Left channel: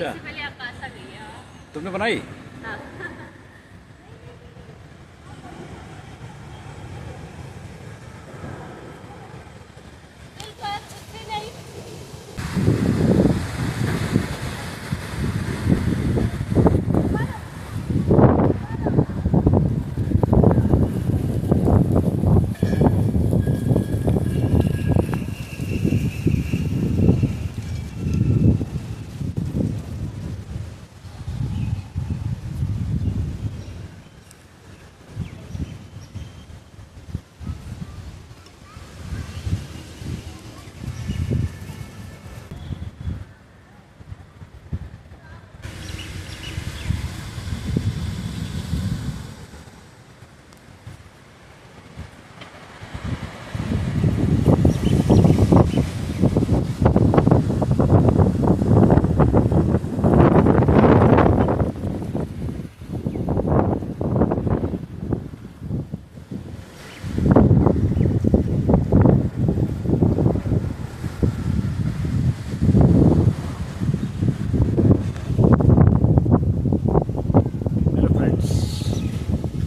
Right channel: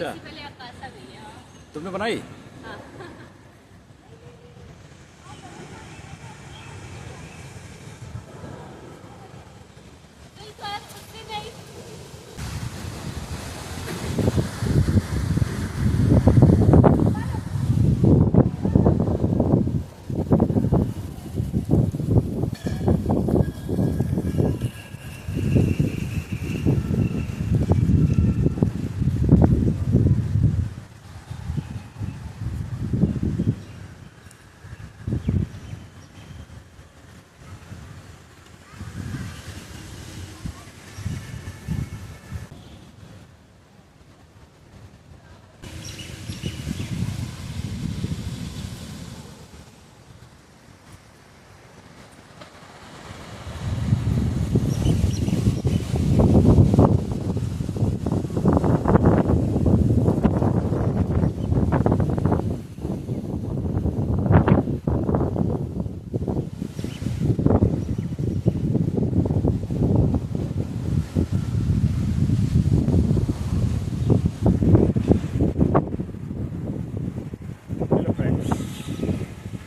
अच्छा, पहले आकाश आ गई है। तुमने बनाई? हाँ।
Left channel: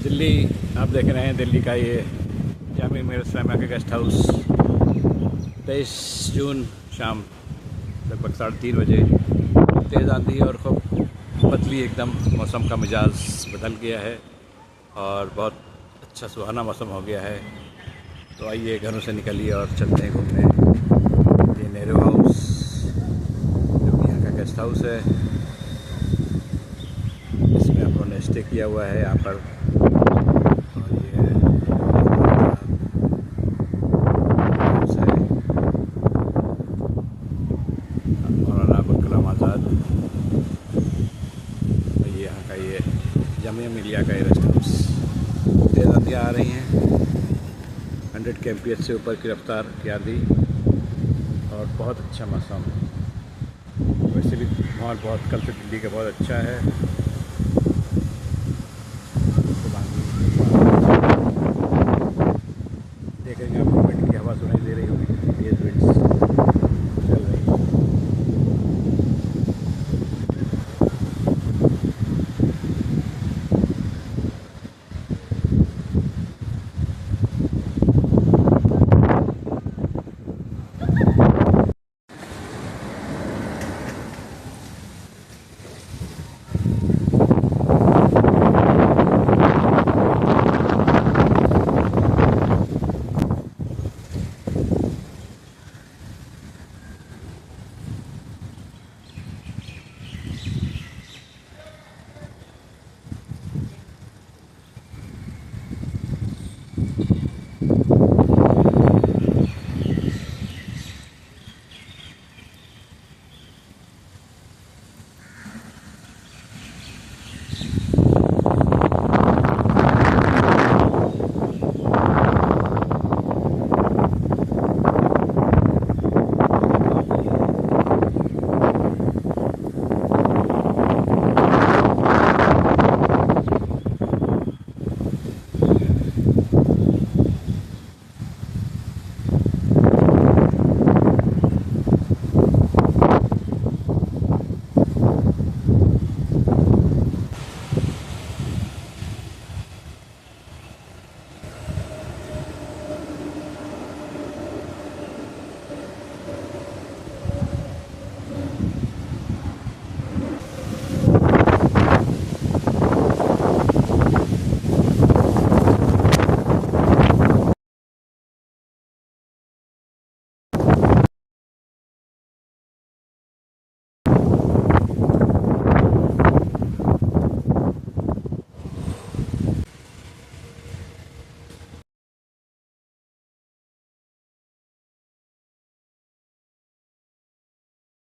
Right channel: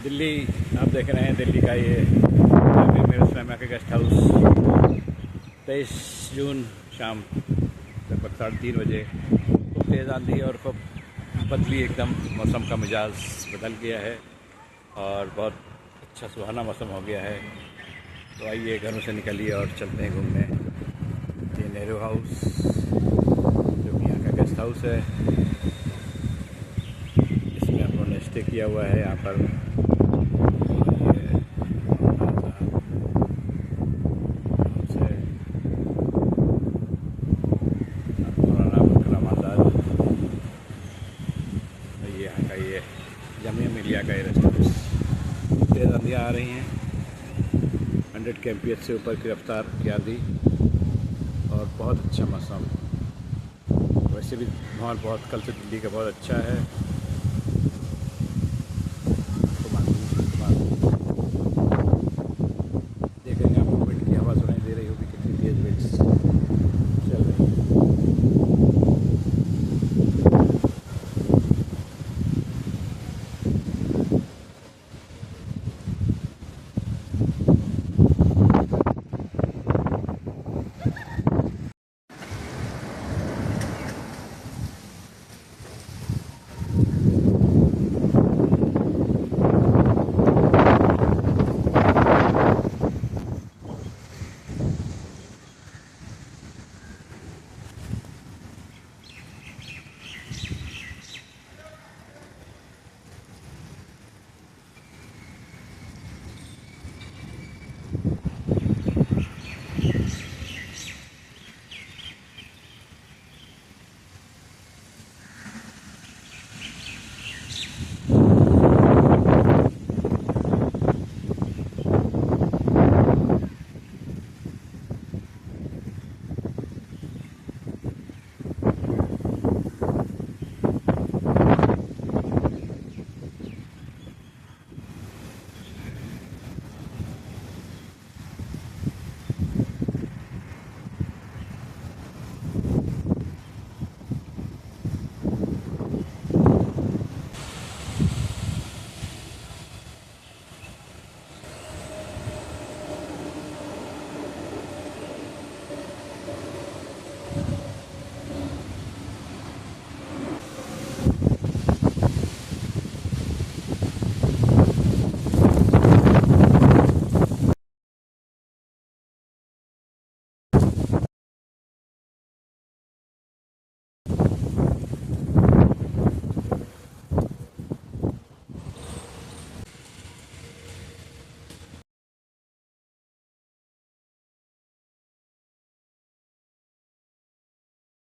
दिल्ली आप देख रहे हैं, दिल्ली का ये अमीर मेरे इस्लामिया के गेस्ट हाउस 23 जून शाम लगभग 3:30 बजे तेज़ आंधी और खूब बदली, एकदम मौसम का मिजाज बदल गया है और बहुत अच्छा सुहाना मौसम हो गया है। तो आइए घरों से निकलिए और चलते हैं घूमने। ये नेहरू हाउस जो कि यहाँ का गेस्ट हाउस है, इसमें हम लोगों ने स्टे किया हुआ है यहाँ पर। यहाँ का ये जामिया मिलिया का ये रेस्ट हाउस। तेज़ आंधियाँ आ रही हैं, 100 kmph से ऊपर की रफ्तार की आंधी और बहुत अच्छा मौसम। वैसे भी माहौल बहुत कल से दिल्ली का बहुत अच्छा है।